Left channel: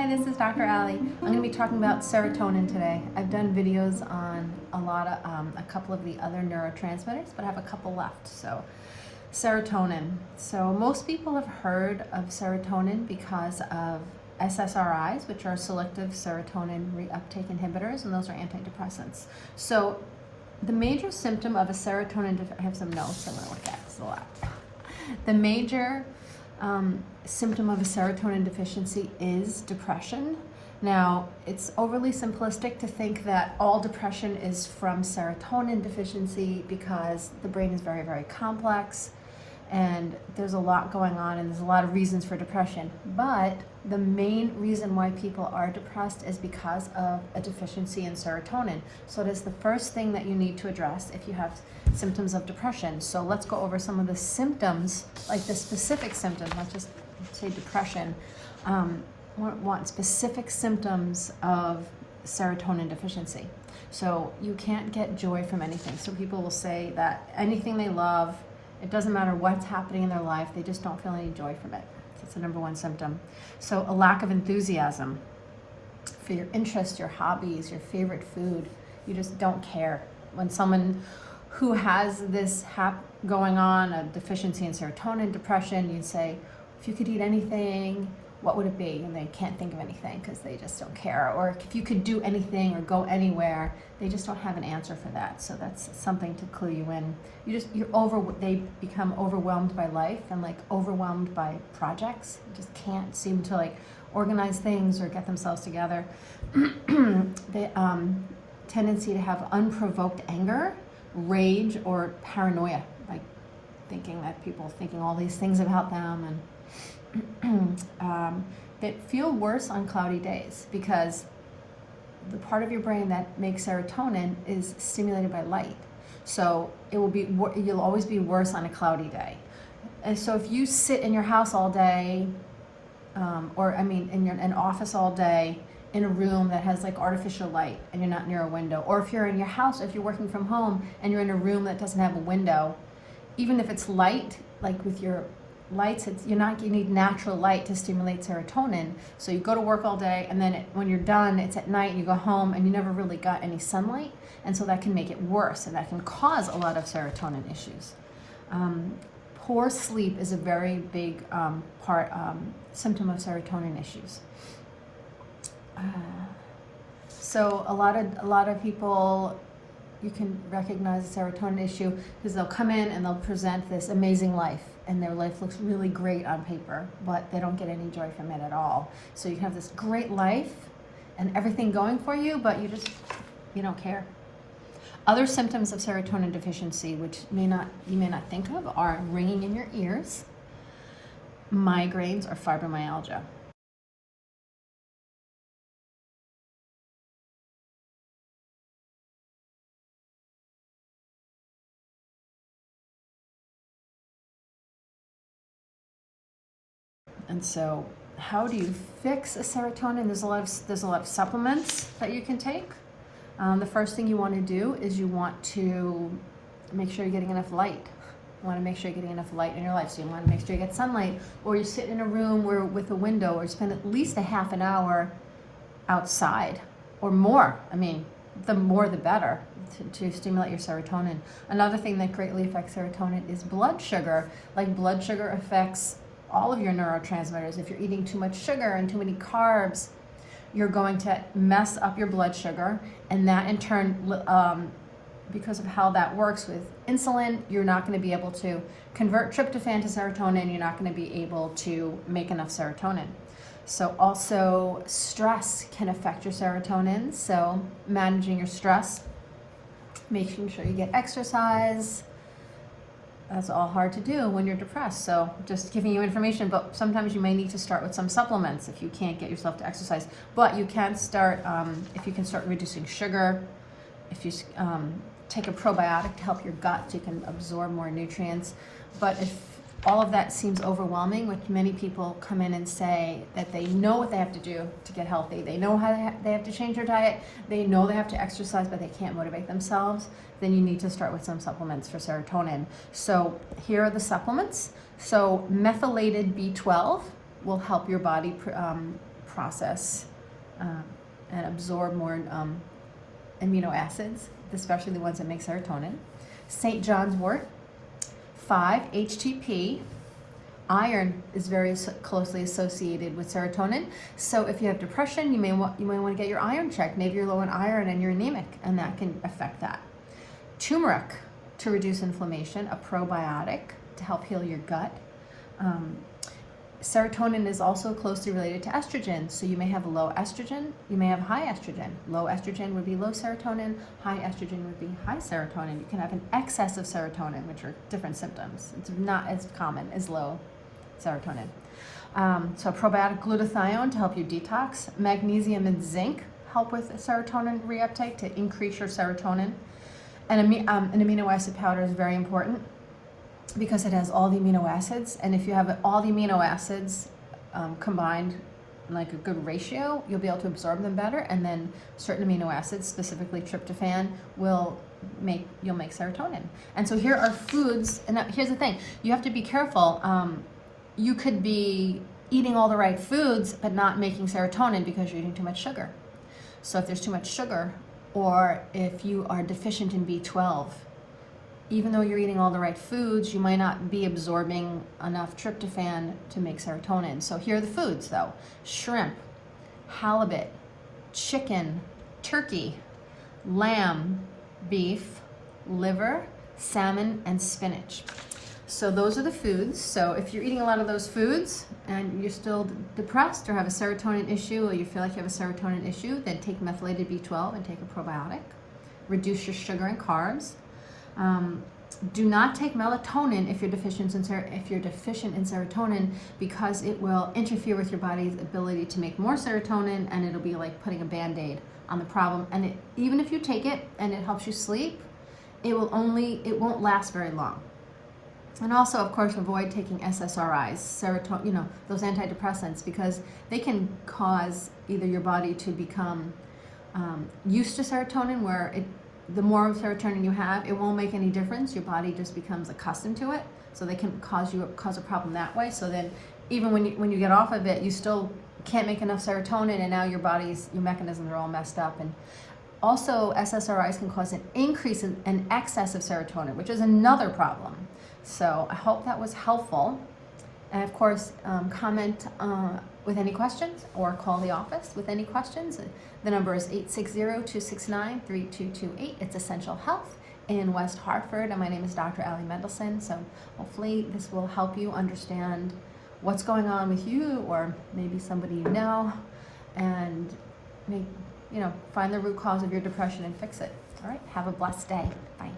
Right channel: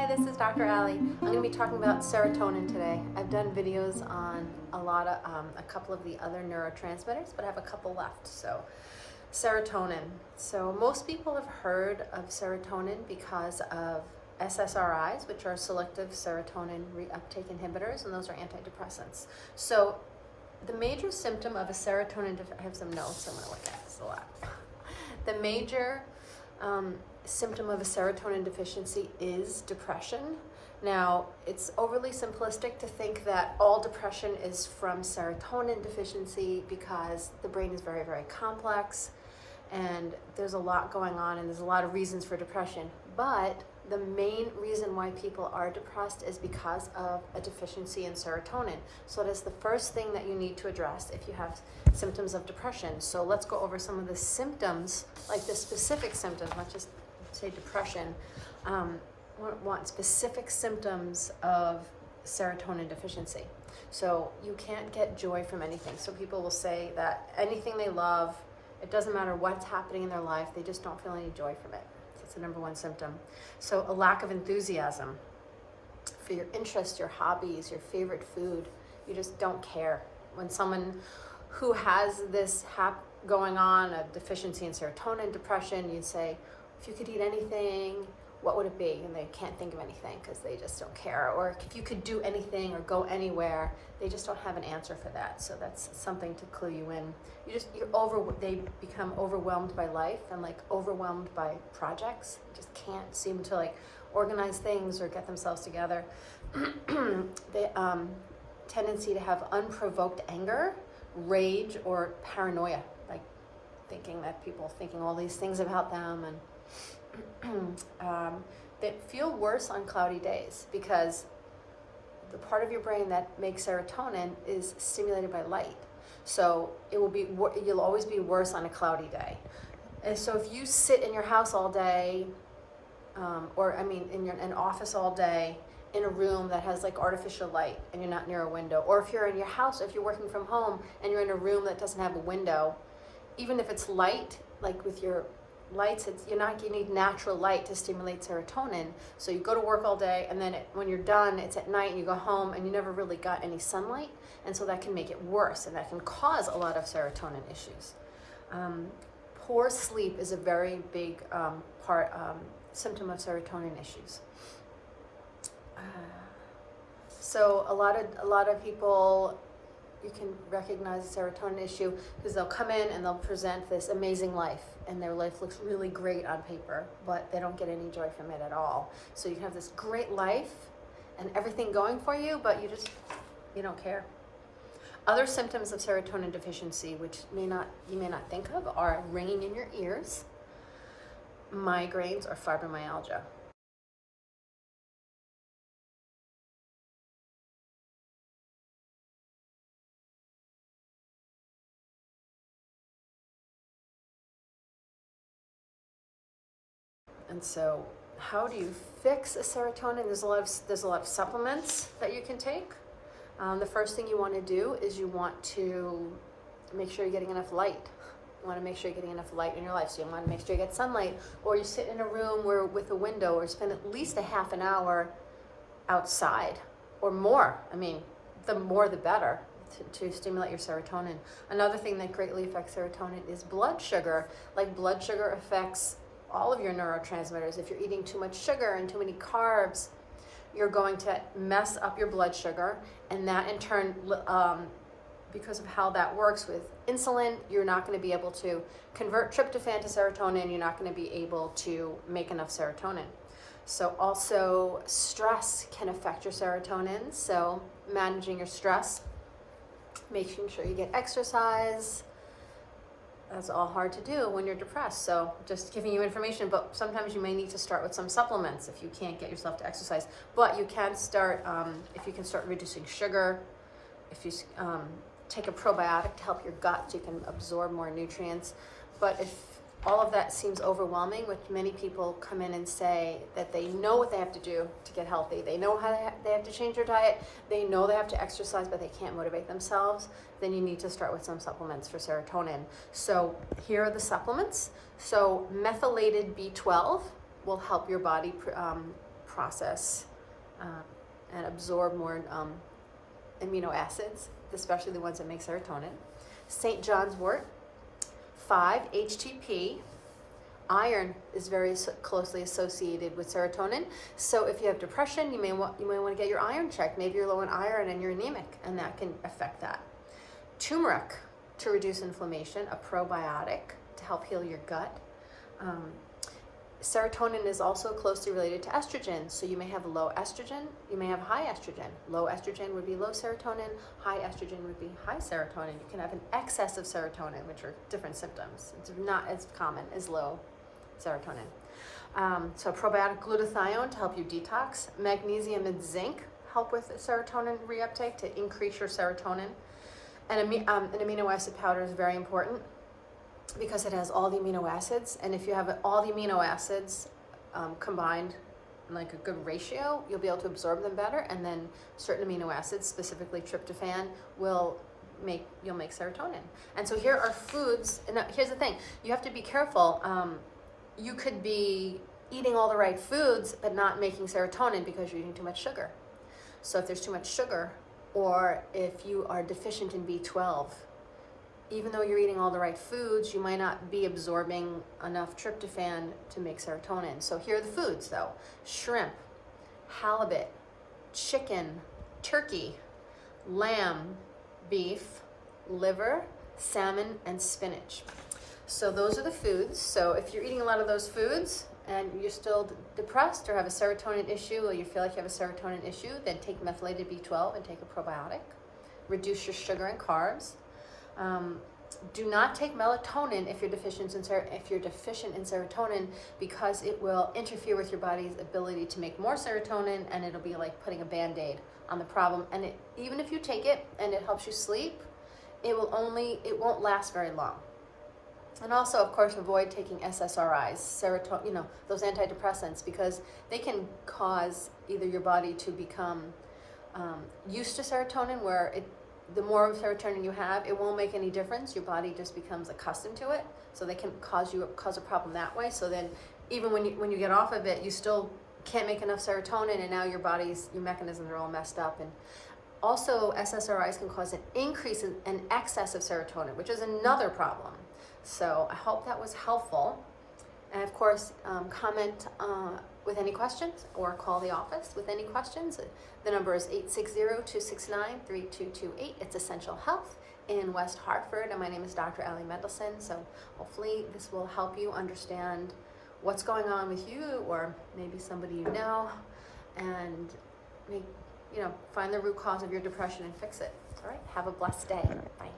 Hi, this is Dr. Allie. I'm going to be talking about serotonin today. I've done videos on a couple of the other neurotransmitters, but I have a couple left. So, serotonin. So most people have heard of serotonin because of SSRIs, which are selective serotonin reuptake inhibitors, and those are antidepressants. So the major symptom of a serotonin, I have some notes I want to look at, it's a lot. The major symptom of a serotonin deficiency is depression. Now, it's overly simplistic to think that all depression is from serotonin deficiency because the brain is very, very complex and there's a lot going on and there's a lot of reasons for depression. But the main reason why people are depressed is because of a deficiency in serotonin. So it is the first thing that you need to address if you have symptoms of depression. So let's go over some of the symptoms, like the specific symptoms. Let's just say depression. Want specific symptoms of serotonin deficiency. So you can't get joy from anything. So people will say that anything they love, it doesn't matter what's happening in their life, they just don't feel any joy from it. That's the number one symptom. So a lack of enthusiasm for your interests, your hobbies, your favorite food. You just don't care. When someone who has this going on, a deficiency in serotonin depression, you'd say, if you could eat anything, what would it be? And they can't think of anything because they just don't care. Or if you could do anything or go anywhere, they just don't have an answer for that. So that's something to clue you in. They become overwhelmed by life and like overwhelmed by projects. You just can't seem to like organize things or get themselves together. They tendency to have unprovoked anger, rage, or paranoia, like thinking all these things about them, and that feel worse on cloudy days because the part of your brain that makes serotonin is stimulated by light. So you'll always be worse on a cloudy day. And so if you sit in your house all day, in an office all day, in a room that has like artificial light and you're not near a window, or if you're in your house, if you're working from home and you're in a room that doesn't have a window, even if it's light, like with your lights, you need natural light to stimulate serotonin. So you go to work all day and then when you're done, it's at night and you go home and you never really got any sunlight. And so that can make it worse and that can cause a lot of serotonin issues. Poor sleep is a very big symptom of serotonin issues. So a lot of people, you can recognize a serotonin issue because they'll come in and they'll present this amazing life and their life looks really great on paper, but they don't get any joy from it at all. So you have this great life and everything going for you, but you don't care. Other symptoms of serotonin deficiency, which you may not think of, are ringing in your ears, migraines, or fibromyalgia. And so how do you fix a serotonin? There's a lot of supplements that you can take. The first thing you want to do is you want to make sure you're getting enough light. You want to make sure you're getting enough light in your life. So you want to make sure you get sunlight, or you sit in a room with a window, or spend at least a half an hour outside or more. I mean, the more the better to stimulate your serotonin. Another thing that greatly affects serotonin is blood sugar. Like blood sugar affects all of your neurotransmitters. If you're eating too much sugar and too many carbs, you're going to mess up your blood sugar, and that in turn, because of how that works with insulin, you're not going to be able to convert tryptophan to serotonin. You're not going to be able to make enough serotonin. So also stress can affect your serotonin. So managing your stress, making sure you get exercise. That's all hard to do when you're depressed. So just giving you information, but sometimes you may need to start with some supplements if you can't get yourself to exercise. But you can start, if you can start reducing sugar, if you take a probiotic to help your gut so you can absorb more nutrients. But if all of that seems overwhelming, which many people come in and say that they know what they have to do to get healthy. They know how they have to change their diet. They know they have to exercise, but they can't motivate themselves. Then you need to start with some supplements for serotonin. So here are the supplements. So methylated B12 will help your body process and absorb more amino acids, especially the ones that make serotonin. St. John's wort, 5-HTP. Iron is very closely associated with serotonin. So if you have depression, you may want to get your iron checked. Maybe you're low in iron and you're anemic, and that can affect that. Turmeric to reduce inflammation, a probiotic to help heal your gut. Serotonin is also closely related to estrogen. So you may have low estrogen, you may have high estrogen. Low estrogen would be low serotonin, high estrogen would be high serotonin. You can have an excess of serotonin, which are different symptoms. It's not as common as low serotonin. So probiotic glutathione to help you detox. Magnesium and zinc help with serotonin reuptake to increase your serotonin. And an amino acid powder is very important because it has all the amino acids, and if you have all the amino acids combined in like a good ratio, you'll be able to absorb them better, and then certain amino acids, specifically tryptophan, you'll make serotonin. And so here are foods, and here's the thing, you have to be careful. You could be eating all the right foods but not making serotonin because you're eating too much sugar. So if there's too much sugar, or if you are deficient in B12, even though you're eating all the right foods, you might not be absorbing enough tryptophan to make serotonin. So here are the foods though: shrimp, halibut, chicken, turkey, lamb, beef, liver, salmon, and spinach. So those are the foods. So if you're eating a lot of those foods and you're still depressed or have a serotonin issue, or you feel like you have a serotonin issue, then take methylated B12 and take a probiotic. Reduce your sugar and carbs. Do not take melatonin if you're deficient in serotonin, because it will interfere with your body's ability to make more serotonin, and it'll be like putting a Band-Aid on the problem. And even if you take it and it helps you sleep, it won't last very long. And also, of course, avoid taking SSRIs, serotonin, those antidepressants, because they can cause either your body to become used to serotonin, where the more serotonin you have, it won't make any difference. Your body just becomes accustomed to it. So they can cause a problem that way. So then even when you get off of it, you still can't make enough serotonin, and now your mechanisms are all messed up. And also SSRIs can cause an increase in an excess of serotonin, which is another problem. So I hope that was helpful. And of course, comment with any questions or call the office with any questions. The number is 860-269-3228. It's Essential Health in West Hartford, and my name is Dr. Allie Mendelsohn. So hopefully this will help you understand what's going on with you, or maybe somebody you know, and find the root cause of your depression and fix it. All right, have a blessed day. Bye.